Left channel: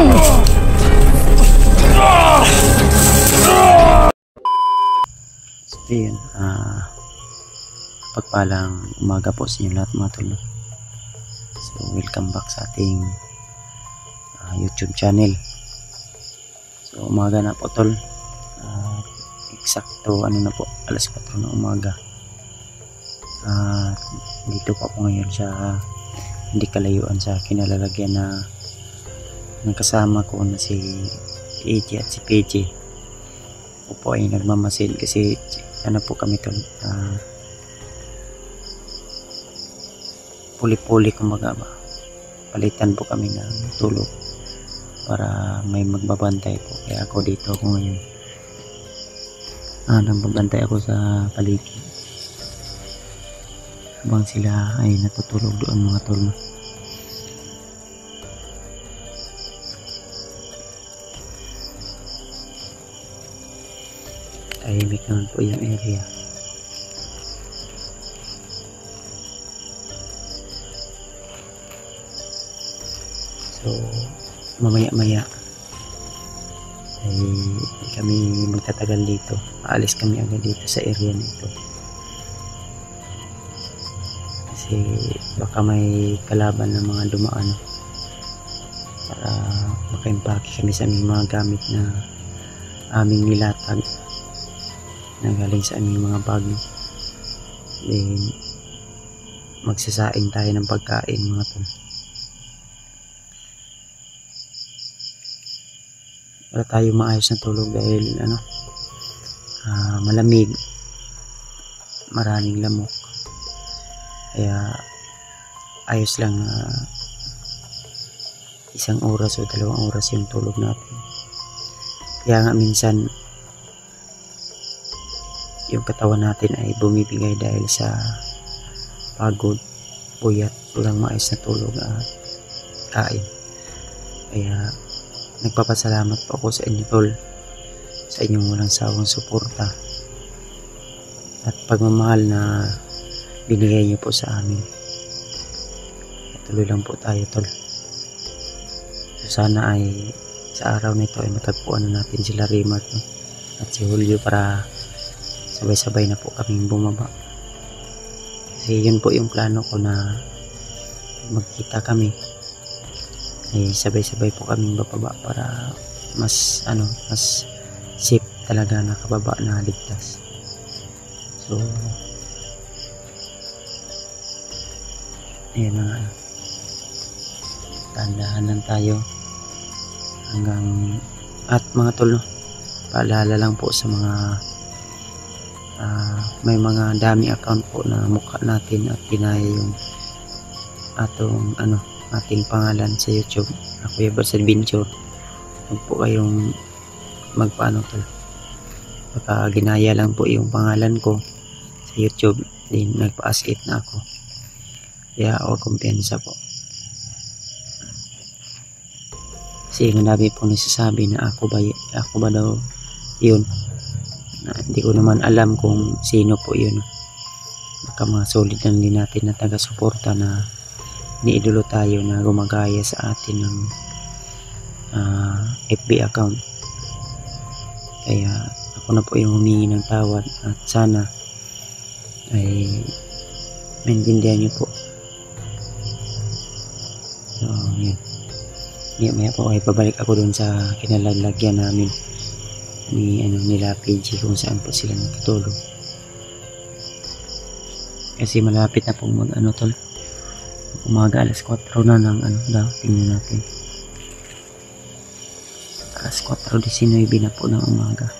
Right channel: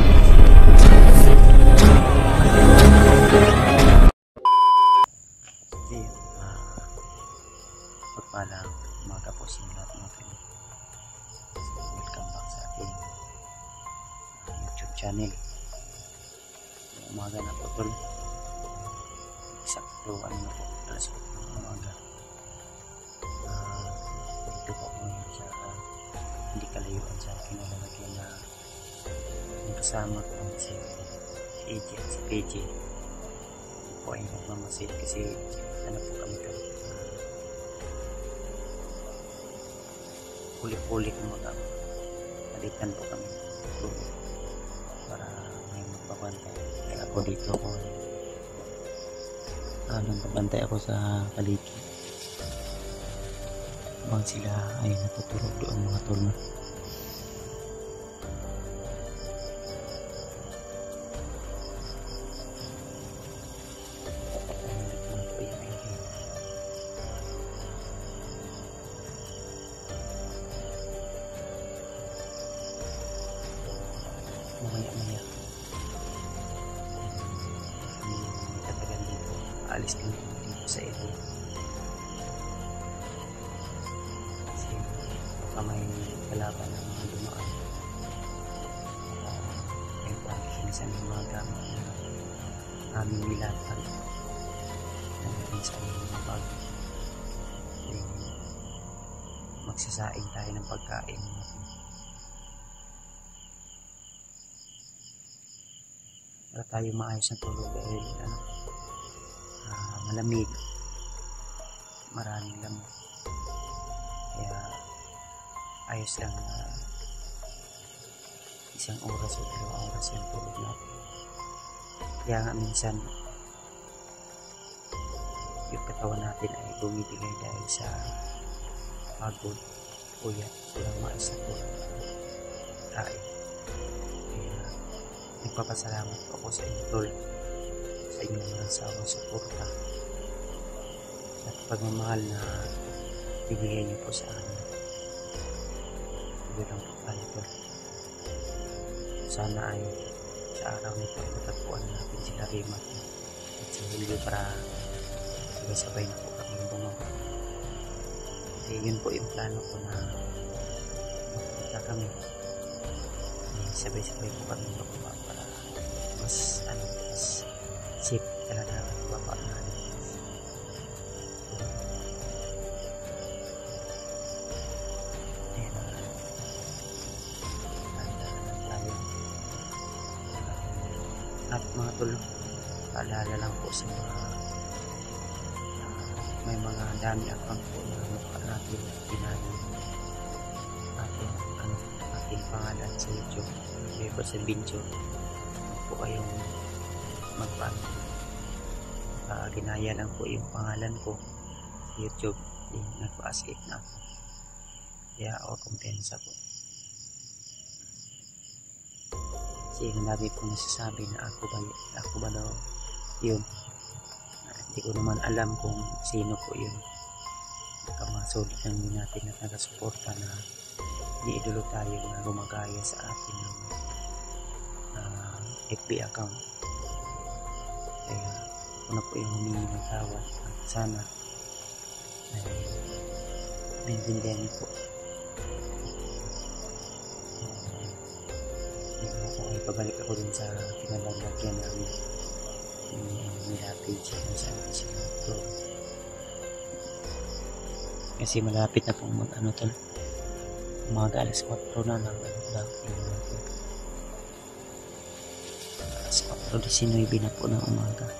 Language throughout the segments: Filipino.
So yun, pagpalang umaga po sa inyo lahat mga tol. So welcome back sa ating YouTube channel. So umaga na po tol, eksakto ano na po, alas 4 ng umaga. Dito po ako ngayon sa hindi kalayuan sa kinalalagyan na ng kasama ko na si AJ at si PJ. Ako po ay nagmamasid kasi ano po kami tol, puli-puli kumbaga ba, palitan po kami ng tulog para may magbabantay po. Kaya ako dito ako ngayon, nagbabantay ako sa paligid habang sila ay natutulog doon mga tol. Tahimik naman po yung area. So mamaya-maya ay kami magtatagal dito. Aalis kami agad dito sa area nito. Kasi baka may kalaban ng mga dumaan para maka-impake kami sa aming mga gamit na aming nilatag na galing sa aming mga bag. Then magsasaing tayo ng pagkain mga tol. Wala tayo maayos na tulog dahil malamig, maraming lamok, kaya ayos lang isang oras o 2 oras yung tulog natin. Kaya nga minsan yung katawan natin ay bumibigay dahil sa pagod, puyat, walang maayos na tulog at kain. Kaya nagpapasalamat po ako sa inyo tol, sa inyong walang sawang suporta at pagmamahal na binigay niyo po sa amin. Tuloy lang po tayo tol. So sana ay sa araw nito ay matagpuan natin sila Rimat at si Julio para sabay-sabay na po kaming bumaba. Kasi yun po yung plano ko, na magkita kami ay sabay-sabay po kaming bababa para mas mas safe talaga na kababa na ligtas. So ayan na nga, tandahan lang tayo hanggang at mga tol, paalala lang po sa mga may mga dami account po na mukha natin at pinaya yung ating pangalan sa YouTube na Kuya Bars Adventure. Huwag po kayong magpaano tol, baka ginaya lang po yung pangalan ko sa YouTube, din nagpa-as it na ako, kaya huwag kumpiyansa po. Kasi marami po nagsasabi na ako ba daw yun, na hindi ko naman alam kung sino po yun. Baka mga solid lang din natin na taga-suporta na iniidolo tayo na gumagaya sa atin ng FB account. Kaya ako na po yung humingi ng tawad at sana ay maintindihan nyo po. So yun, maya po ay pabalik ako dun sa kinalalagyan namin nila PG kung saan po sila natutulog. Kasi malapit na po tol, umaga, alas 4 na ng tingnan natin, alas 4:19 na po ng umaga.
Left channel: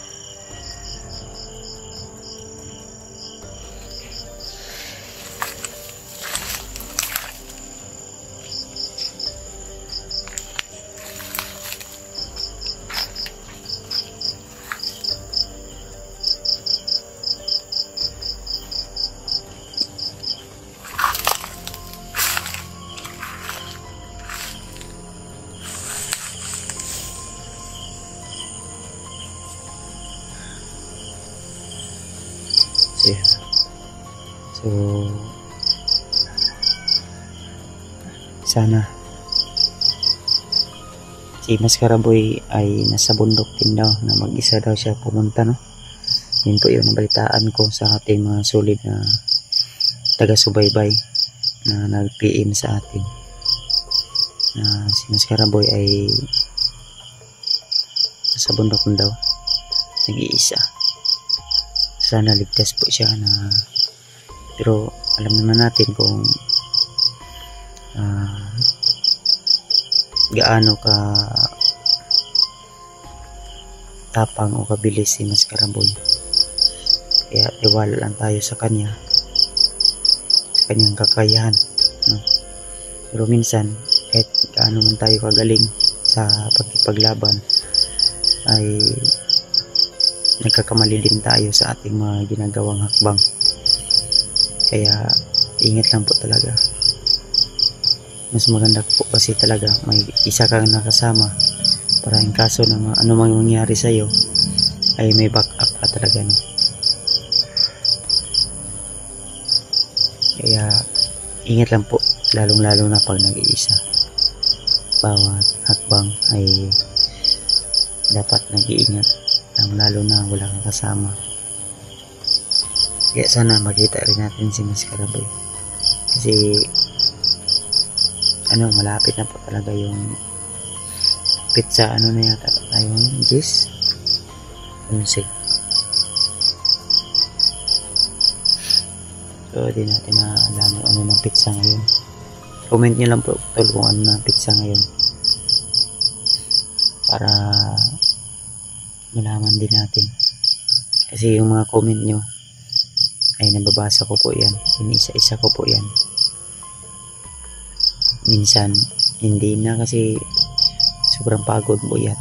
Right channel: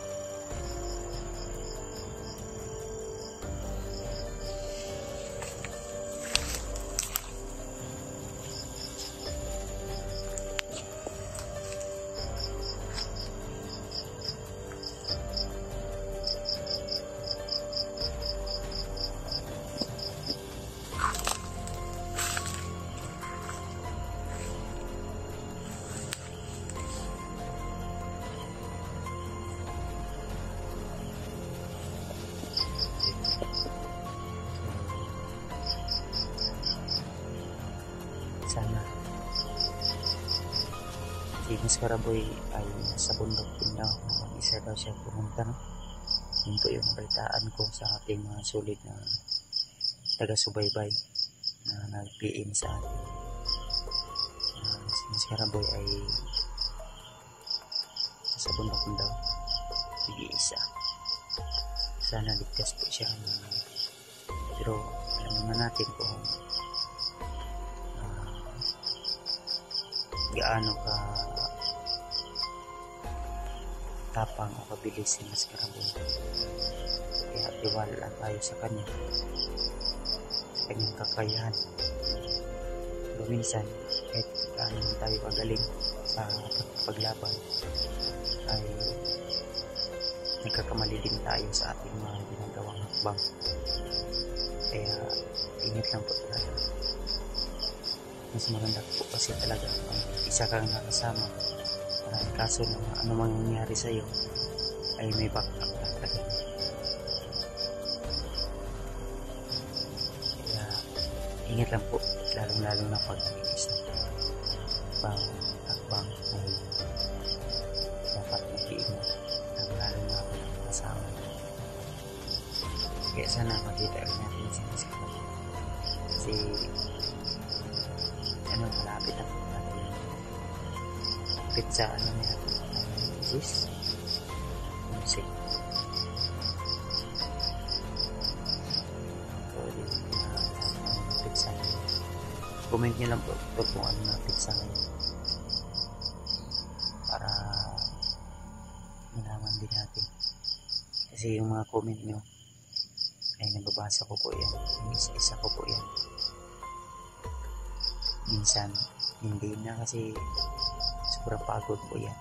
So sana si Mascaraboy ay nasa bundok din daw, na mag-isa daw siya pumunta, no? Yun po yun ang balitaan ko sa ating mga solid na taga-subaybay na nag-PM sa atin, na si Mascaraboy ay nasa bundok daw, nag-iisa. Sana ligtas po siya, pero alam naman natin kung gaano ka tapang o kabilis si Mascaraboy. Kaya tiwala lang tayo sa kanya, sa kanyang kakayahan, no? Pero minsan kahit gaano man tayo kagaling sa pagkipaglaban ay nagkakamali din tayo sa ating mga ginagawang hakbang. Kaya ingat lang po talaga. Mas maganda po kasi talaga may isa kang nakasama para in kaso na anumang mangyari sa iyo ay may backup ka talaga, no? Kaya ingat lang po, lalong lalo na pag nag-iisa. Bawat hakbang ay dapat nag-iingat, lalo na wala kang kasama. Kaya sana makita rin natin si Mascaraboy, kasi malapit na po talaga yung pizza, na yata ayun, Gis 11. So di natin na alam ng pizza ngayon. Comment nyo lang po tol kung ano na pizza ngayon, para malaman din natin, kasi yung mga comment nyo ay nababasa ko po yan, inisa-isa ko po yan. Minsan hindi na kasi sobrang pagod po yan,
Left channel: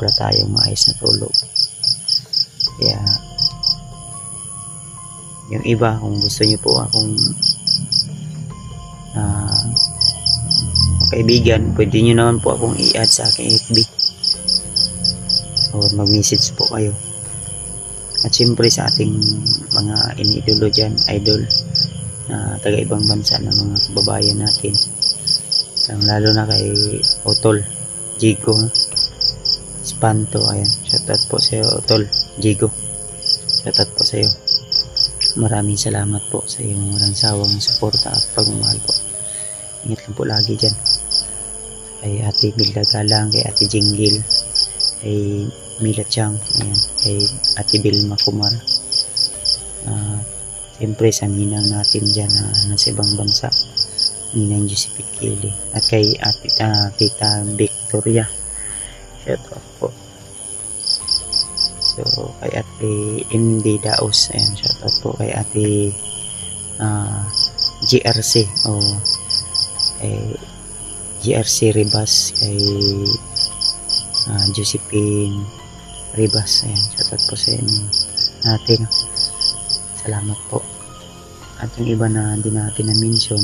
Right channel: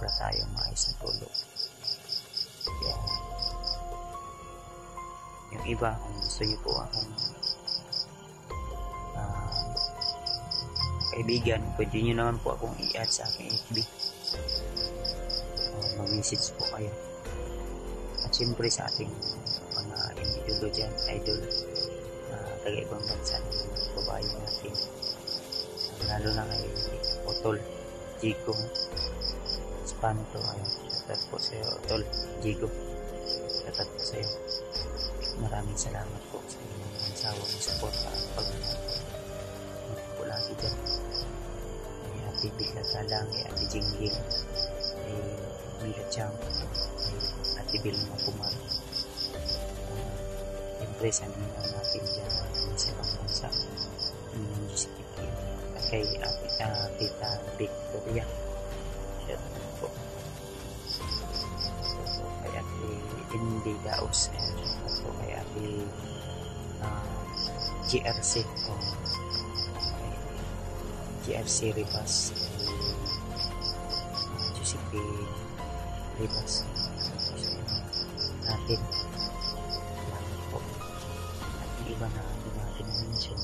wala tayong maayos na tulog. Kaya yung iba, kung gusto nyo po akong kaibigan, pwede nyo naman po akong i-add sa aking FB o mag-message po kayo. At syempre sa ating mga inidolo dyan, idol na taga ibang bansa na mga kababayan natin, lalo na kay Otol Jigo Espanto, ayan, shoutout po sa iyo Otol Jigo, shoutout po sa iyo. Maraming salamat po sa iyong walang sawang suporta at pagmamahal po. Ingat lang po lagi dyan kay Ate Bilda Galang, kay Ate Jinggil, kay Mila Chang, ayan, kay Ate Bilma Kumar, siyempre sa ninang natin dyan na nasa ibang bansa, Ninang Josephine Kili, at kay Ate Tita Victoria, shout out po. So kay Ate MD Daos, ayan, shout out po kay Ate GRC o GRC Ribas, kay Josephine Ribas, ayan, shout out po sa inyo natin, salamat po. At yung iba na hindi natin na-mention,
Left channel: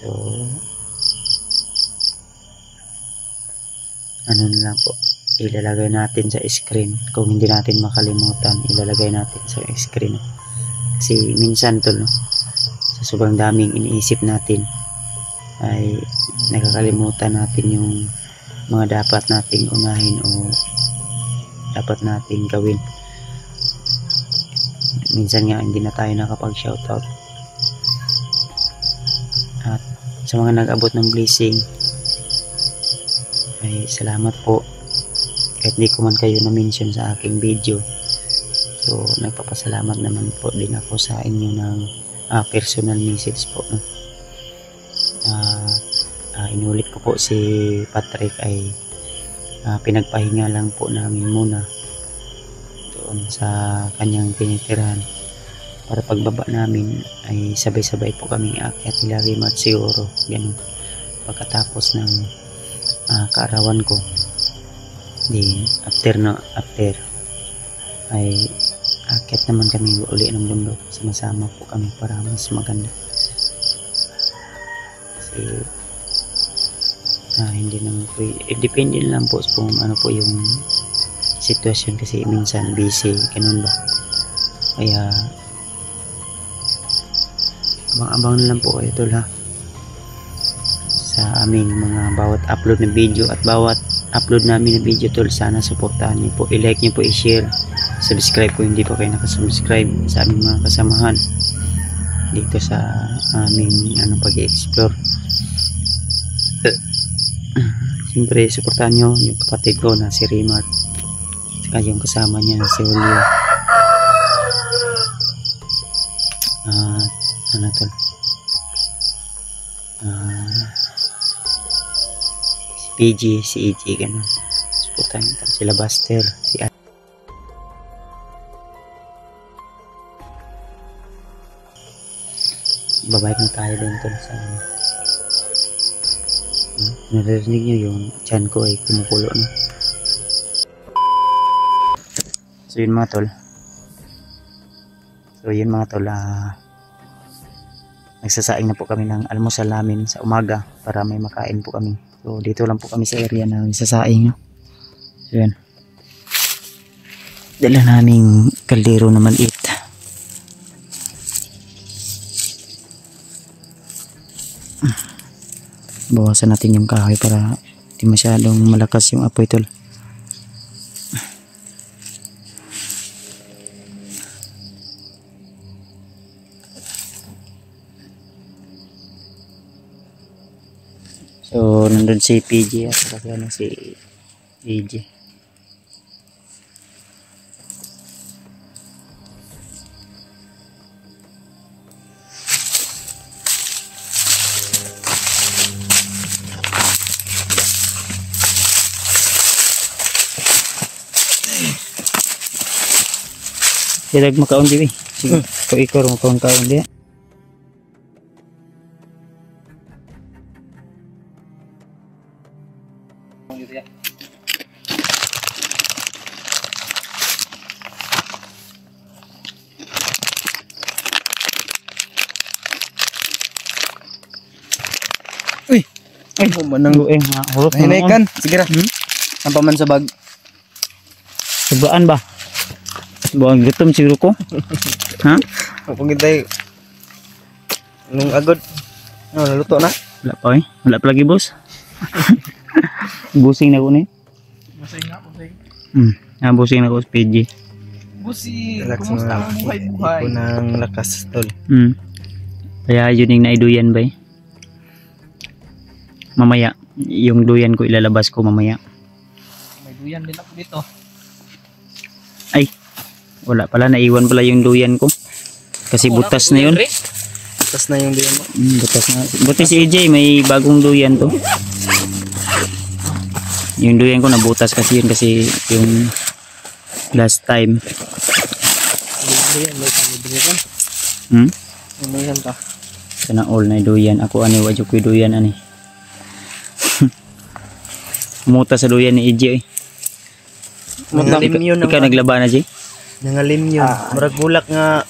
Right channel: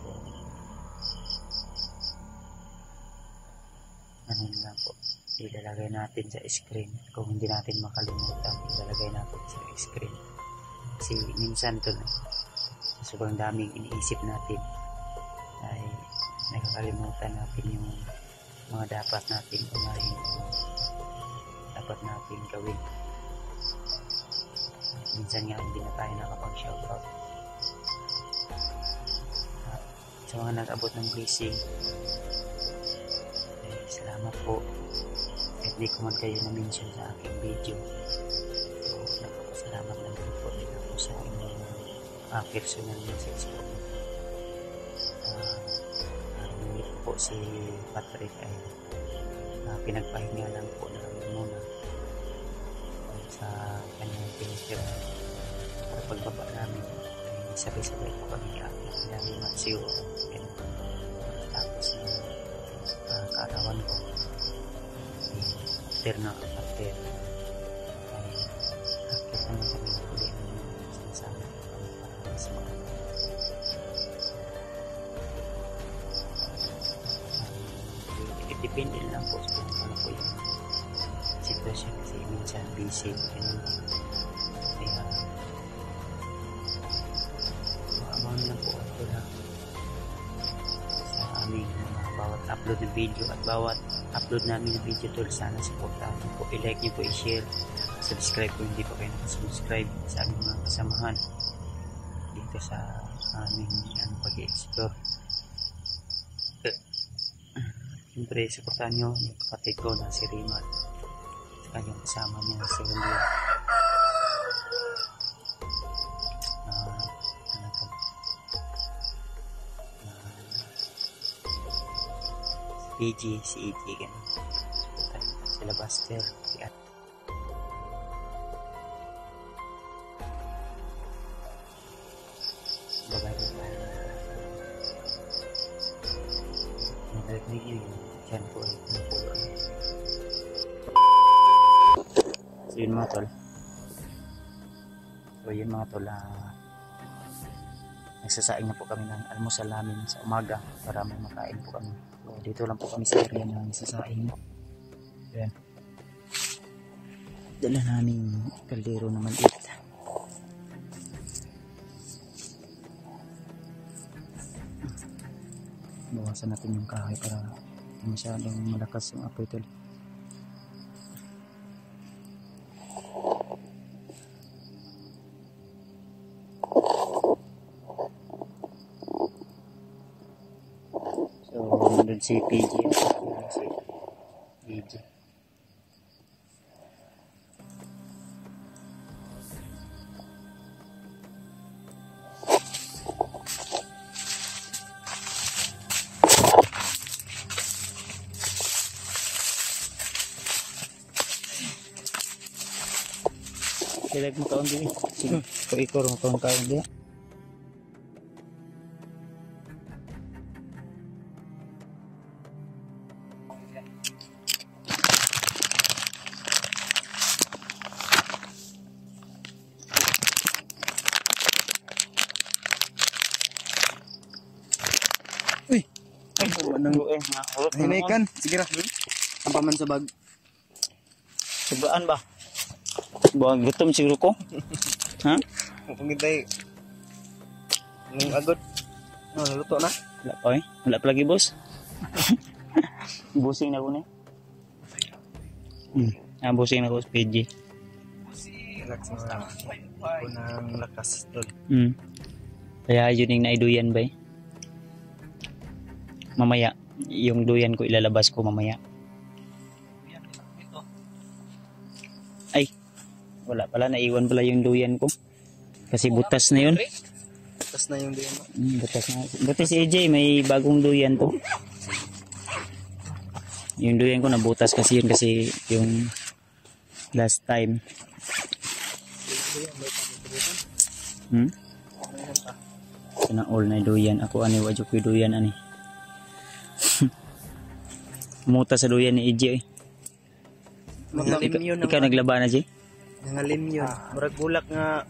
so na lang po, ilalagay natin sa screen. Kung hindi natin makalimutan, ilalagay natin sa screen, kasi minsan tol, no, sa sobrang daming iniisip natin ay nakakalimutan natin yung mga dapat nating unahin o dapat nating gawin. Minsan nga hindi na tayo nakapag-shoutout. At sa mga nag-abot ng blessing ay salamat po, kahit di ko man kayo na-mention sa aking video. So nagpapasalamat naman po din ako sa inyo ng personal message po, no? Inulit ko po, si Patrick ay pinagpahinga lang po namin muna doon sa kanyang tinitirahan, para pagbaba namin ay sabay-sabay po kami aakyat nila Rimat siguro, ganun, pagkatapos ng kaarawan ko. Then after ay aakyat naman kami uli ng bundok, sama-sama po kami para mas maganda. Kasi hindi naman po, depende lang po kung ano po yung sitwasyon, kasi minsan busy, ganun ba. Kaya abang-abang na lang po kayo tol, ha. sa aming mga bawat upload na video at bawat upload namin na video tol. Sana suportahan niyo po, i-like niyo po, i-share, subscribe kung hindi pa kayo nakasubscribe sa aming mga kasamahan dito sa aming pag-i-explore. Siyempre suportahan niyo yung kapatid ko na si Rimar, saka yung kasama niya na si Julio. Tol, si PG, si EG, ganun. Suportahan niyo sila Buster, si babayad na tayo din tol sa naririnig nyo yung tiyan ko ay kumukulo na. So yun mga tol, nagsasaing na po kami ng almusal namin sa umaga para may makain po kami. So dito lang po kami sa area na nagsasaing. So yan, dala naming kaldero na maliit. Bawasan natin yung kahoy para di masyadong malakas yung apoy tol. So nandun si PG at saka si EG. Tidak makaon di. Sige, ko ikor makaon dia. Uy, ay manang hulot na ikan. Sige ra. Sampa man sa bag. Sebaan ba? Buang gutom siguro ko. Ha? Kung gintay nung agod. Naluto na. Wala pa eh. Wala pa lagi boss. Busing na ko ni. Busing na ko day. Busing na ko sa PG. Busing, kumusta ang buhay-buhay? Iko ng lakas tol. Kaya yun yung naiduyan ba eh. Mamaya, yung duyan ko ilalabas ko mamaya. May duyan din ako dito. Ay, wala pala, naiwan pala yung duyan ko. Kasi butas na yun. Butas na yung duyan mo. Butas na. Buti si EJ, may bagong duyan to. Yung duyan ko nabutas kasi yun, kasi yung last time. Duyan, may kami duyan. Ano yan ka? Sana all na duyan. Ako ani, wadyo ko duyan ani. Muta sa duyan ni EJ eh. Nangalim yun. Ikaw naglaba na, Jay? Nangalim yun. Murag bulak nga,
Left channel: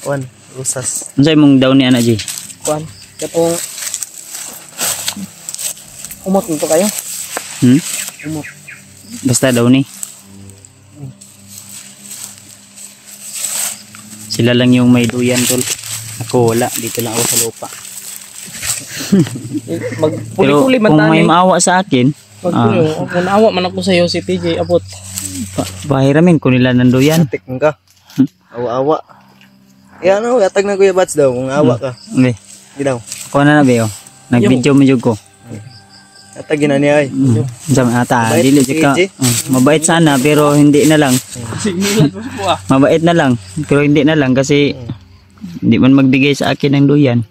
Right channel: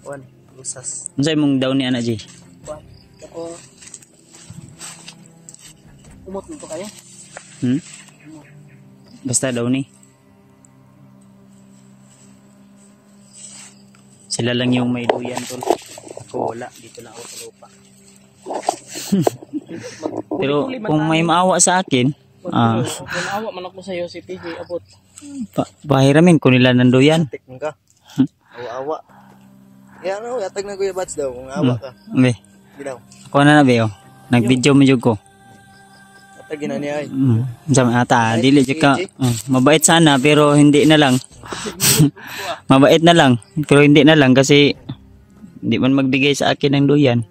rusas. Ano sa'yo mong down ni Ana, Jay? Kuan, katong umot nito kayo. Umot. Basta daw ni. Sila lang yung may duyan tol. Ako wala, dito lang ako sa lupa. Pero Magpuli-puli man kung may tani. maawa sa akin, Magpuli, kung naawa man ako sa'yo si PJ, abot. bahiramin ko nila ng duyan. Tik ka. Awa-awa. Yan gatag na Kuya Bats daw. Kung awa ka. Okay. Di daw. Ako na Beo. Nag-video mo jud ko. Gatag yun na niya ay. Diyan ata, Mabait dili si ka. PJ. Mabait sana pero hindi na lang. Signilan mo po ah. Mabait na lang pero hindi na lang kasi hindi man magbigay sa akin ng duyan.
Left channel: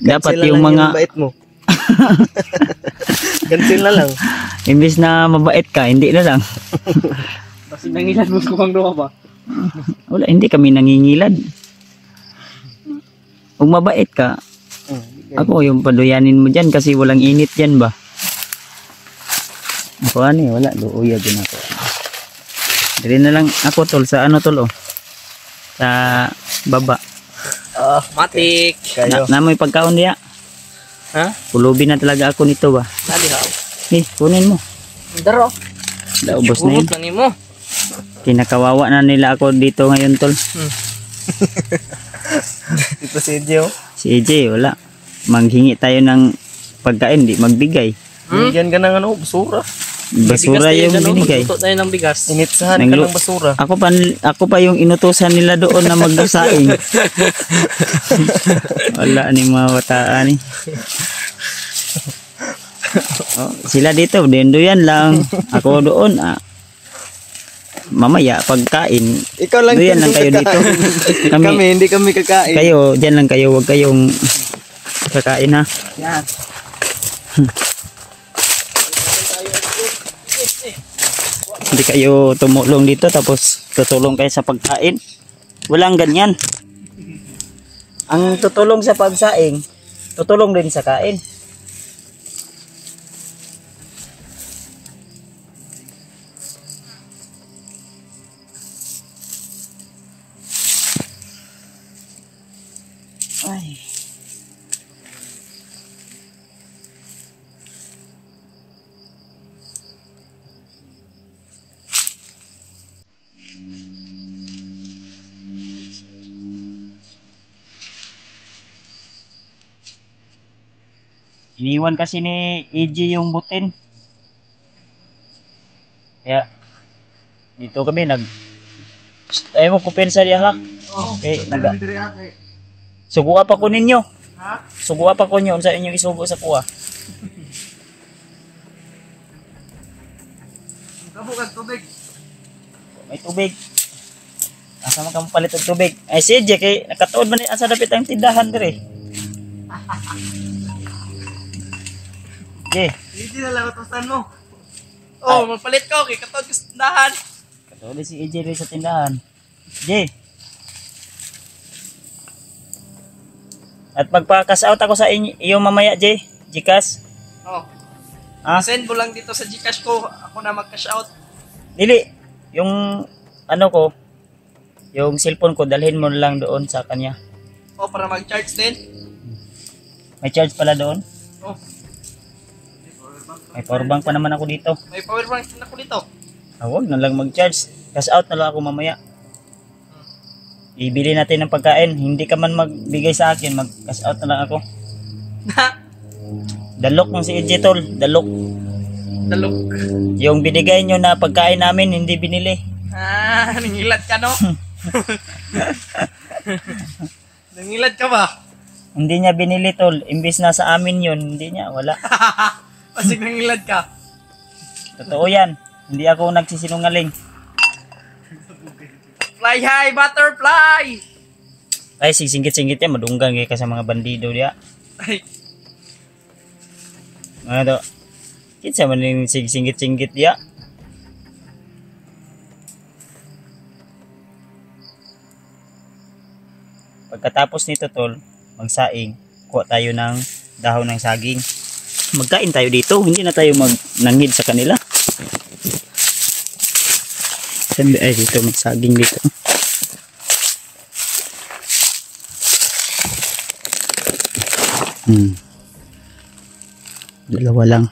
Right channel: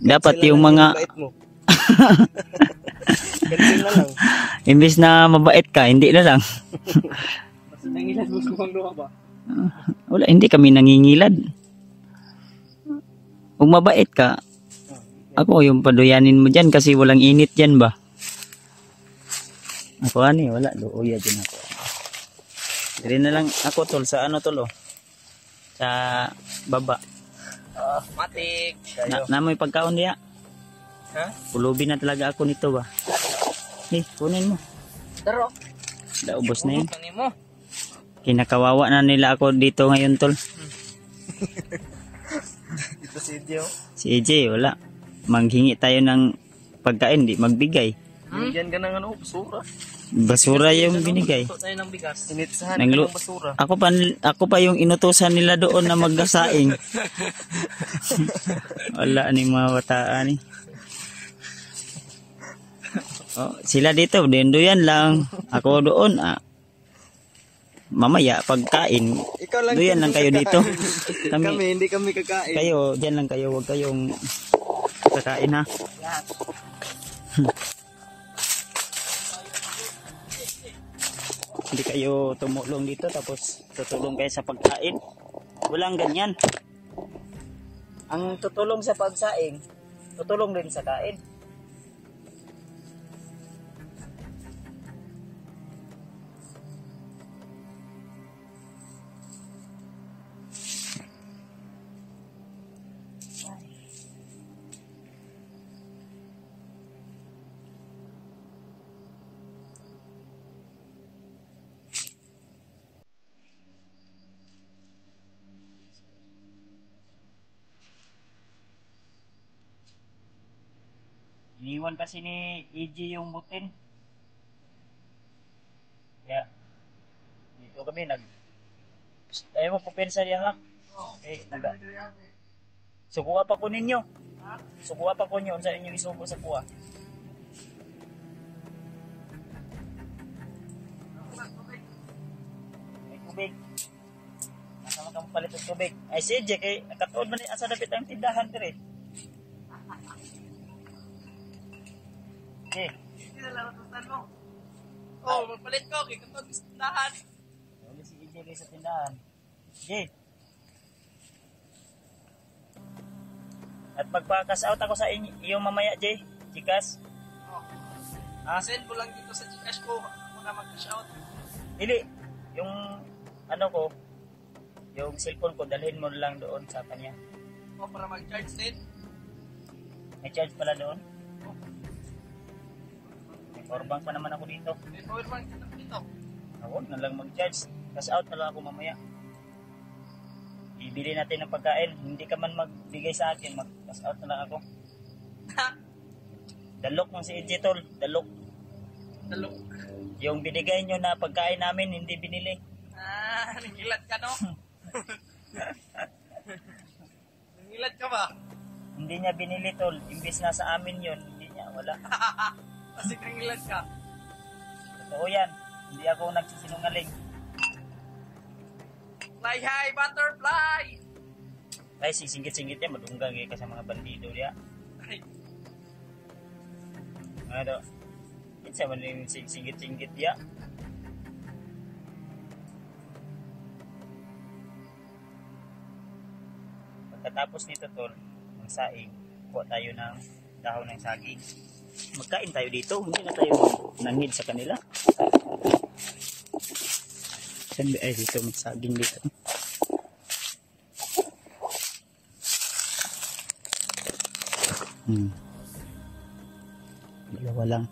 Dapat Cancel yung na lang mga yung bait mo. Cancel na lang. imbis na mabait ka, hindi na lang. Kasi nangilan mo kung doon ba? Wala, hindi kami nangingilad. Kung mabait ka, ako yung paduyanin mo dyan kasi walang init dyan ba? Ako wala, luuya din ako. Dali na lang ako tol, sa ano tol oh. Sa baba. Matik. Kayo. Namoy pagkaon niya. Ha? Pulubin na talaga ako nito ba? Dali ha. Kunin mo. Daro. Laubos na yun. Urot na nimo. Kinakawawa na nila ako dito ngayon tol. Dito si Ejo. Si AJ, wala. Manghingi tayo ng pagkain, di magbigay. Bigyan ka ng ano, basura. Basura yung binigay. Magluto tayo ng bigas. Initsahan ka ng basura. Ako pa yung inutusan nila doon na magsaing. Wala ni mga bataan eh. Oh, sila dito, dendoyan lang. Ako doon. Mamaya pagkain. Ikaw lang doyan lang kayo dito. Kami, hindi kami kakain. Kayo, diyan lang kayo. Huwag kayong kakain ha. Yan. Hindi kayo tumulong dito tapos tutulong kayo sa pagkain. Walang ganyan. Ang tutulong sa pagsaing, tutulong din sa kain. Ay. Iniwan kasi ni EJ yung butin. Kaya dito kami ayaw mo kupensa diya ha. Okay, suguha pa ko ninyo. Suguha pa ko ninyo sa inyong isugo sa kuha. May tubig. Asa man ka mapalit og tubig? Ay si EJ kay nakatuod man asa dapit ang tindahan dire. Jay, Hindi na lang utusan mo. Oh, magpalit ko kay katod ko sa tindahan. katulad si EJ rin sa tindahan. Jay. At magpa-cash out ako sa iyo mamaya, Jay. Gcash. Oh. Ah, Send mo lang dito sa Gcash ko. Ako na mag-cash out. dili. Yung ano ko, yung cellphone ko dalhin mo lang doon sa kanya. Oh, para mag-charge din. May charge pala doon. Oh, May powerbank pa naman ako dito. may power bank na ako dito. Huwag na lang mag-charge. Cash out na lang ako mamaya. Ibili natin ng pagkain. Hindi ka man magbigay sa akin, mag-cash out na lang ako. Dalok ng si EJ tol. Dalok. Dalok. Yung binigay nyo na pagkain namin, hindi binili. Ah, nangilat ka no? Nangilat ka ba? Hindi niya binili tol. Imbis na sa amin yun, hindi niya. Wala. Kasi nangilat ka. Totoo yan. Hindi ako nagsisinungaling. Fly high, butterfly! Ay, singit-singit yan. Madunggang ka sa mga bandido diya. Ay, Ano to? Kinsa man yung singit-singit diya. Pagkatapos nito tol, magsaing, kuha tayo ng dahon ng saging. Magkain tayo dito, hindi na tayo magnangid sa kanila. Ay, dito magsaging dito. Dalawa lang.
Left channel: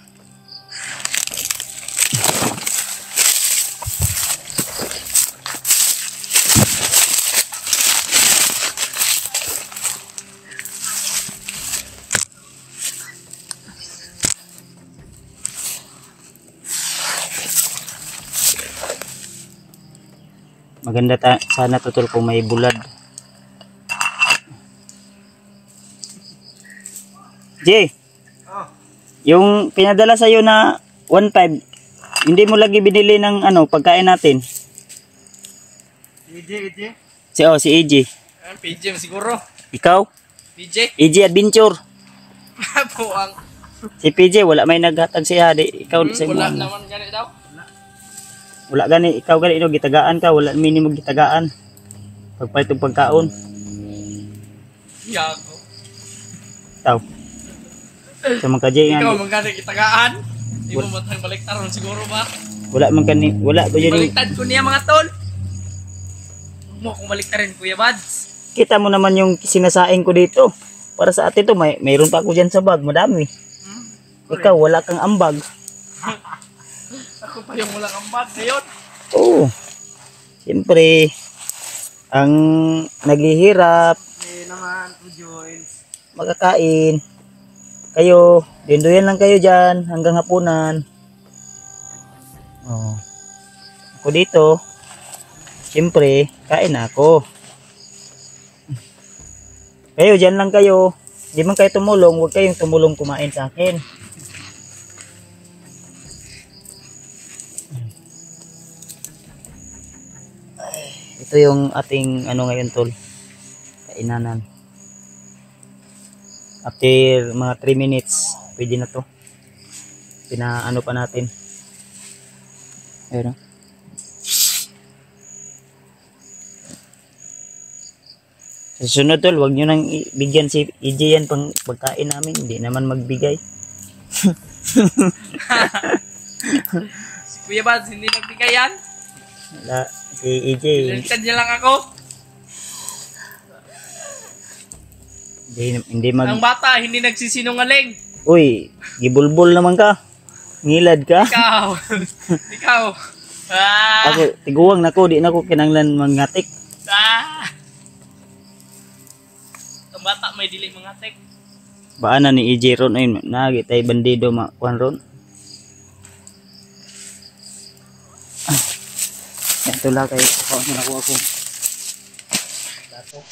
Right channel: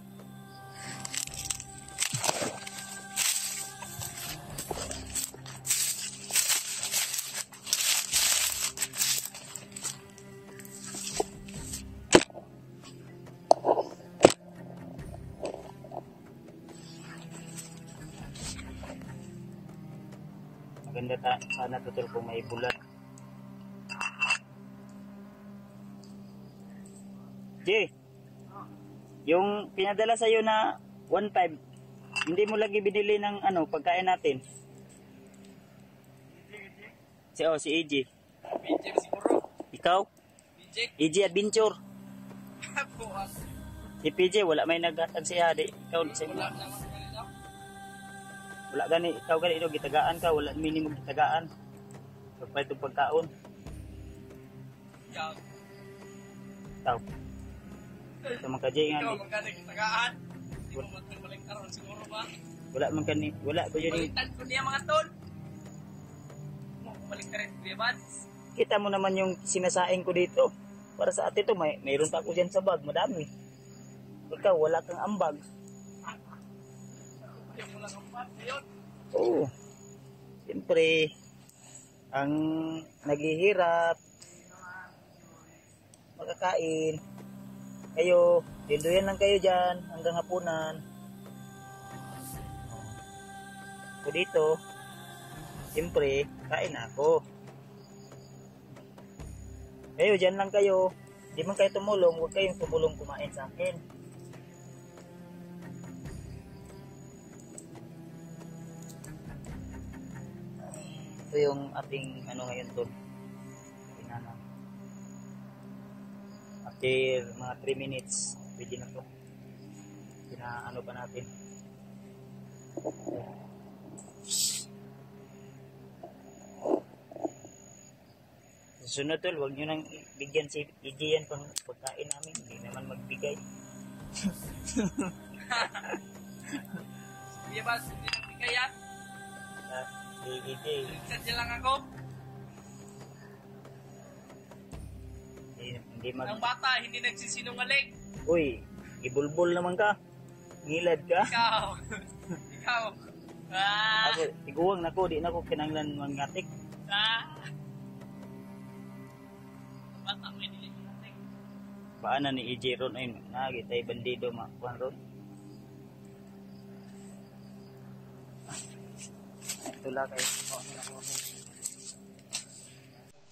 Maganda sana tutol kung may bulad. Jay, yung pinadala sa'yo na 1.5, hindi mo lagi binili ng ano, pagkain natin. PJ. Si EJ. Ah, PJ siguro. Ikaw? PJ. EJ Adventure. Buwang. Si PJ, wala may naghatag siya. Ikaw sa Wala mo. naman ganit daw. Wala gani, ikaw gani, no, gitagaan ka, wala minimum gitagaan. Pagpalit ng pagkaon. Yago. Ikaw. Sa mga kajay Ikaw nga. magkano kitagaan? Di mo matang baliktaron siguro ba? Wala man kani, wala ba yun. Baliktad ko niya mga tol. Mo kung baliktarin Kuya Bads. Kita mo naman yung sinasaing ko dito. Para sa atin to, mayroon pa ako dyan sa bag, madami. Ikaw, wala kang ambag. Ako pa yung walang ambat ngayon. Oo. Siyempre, ang naghihirap, Eh naman, to join. makakain. kayo. Dinduyan lang kayo dyan hanggang hapunan. Oh. Ako dito. Siyempre, kain na ako. Kayo, dyan lang kayo. Di man kayo tumulong, huwag kayong tumulong kumain sa akin. Ito yung ating ano ngayon tol. Kainanan. After mga 3 minutes, pwede na to. Pinaano pa natin. Ayun. Sa susunod tol, huwag nyo nang bigyan si EJ yan pang pagkain namin. Hindi naman magbigay. Si Kuya Bads, hindi nagbigay yan. Wala, si EJ. Pinalitan niya lang ako. Hindi Ang bata, hindi nagsisinungaling. Uy, gibulbul naman ka. Ngilad ka. Ikaw. Ikaw. Ako, tiguwang na ko. Di na ko kinanglan mangatik. Ang bata, may dili mga tek. Baan na ni EJ ron. Ayun, nagitay bandido makuhan ron. Ito lang kayo. Ako na nakuha ko. Dato.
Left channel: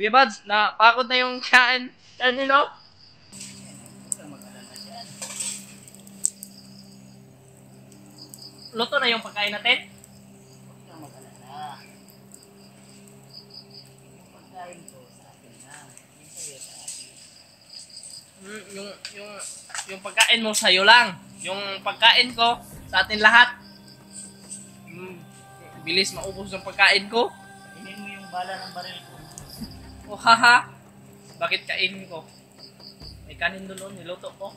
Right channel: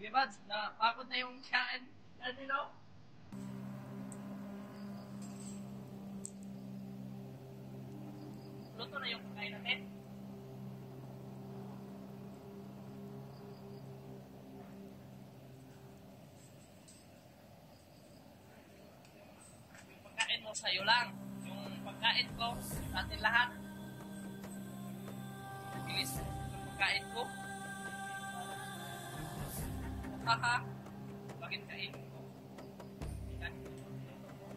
Kuya Bads, napakot na yung kain. Ano? Luto na yung pagkain natin? Yung pagkain mo sa'yo lang. Yung pagkain ko sa atin lahat. Bilis maubos yung pagkain ko. Hindi mo yung bala ng baril ko. Oh, haha. Bakit kainin ko? May kanin doon, niluto ko.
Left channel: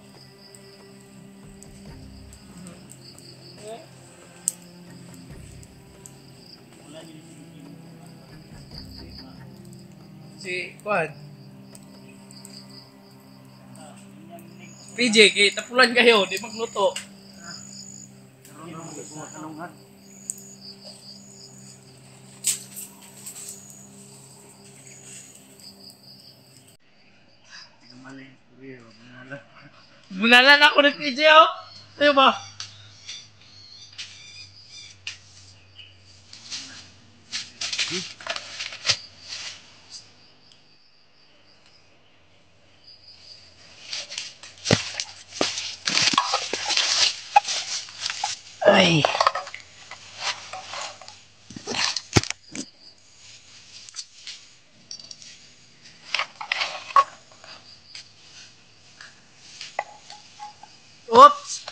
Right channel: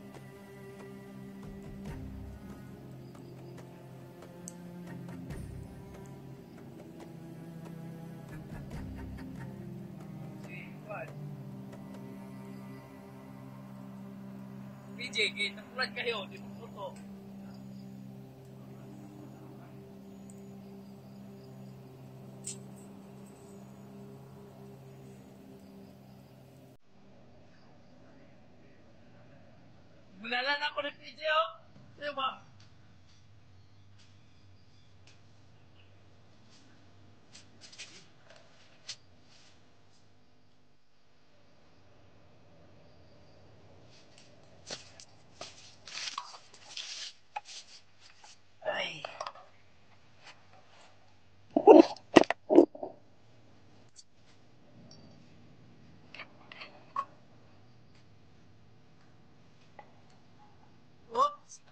Si Juan. PJ, tapulan kayo, di magluto. Bunalan ako ng PJ, oh. Tayo ba? Ay. Oops!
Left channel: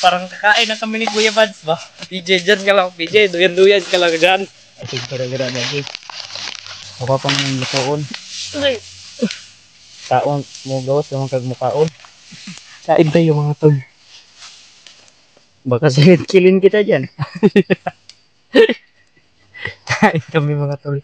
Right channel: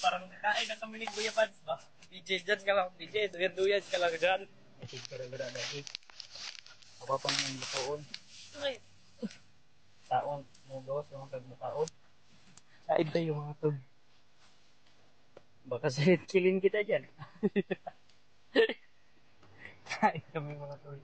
Parang kakain na kami ni Kuya Bads ba? PJ, dyan ka lang. PJ, duyan-duyan ka lang dyan. Ay, gara-gara lagi. Ako pang lutoon. Ay, Taon mo gawas naman kag mukaon. kain tayo mga tol. Baka kilin kita dyan. Kain kami mga tol.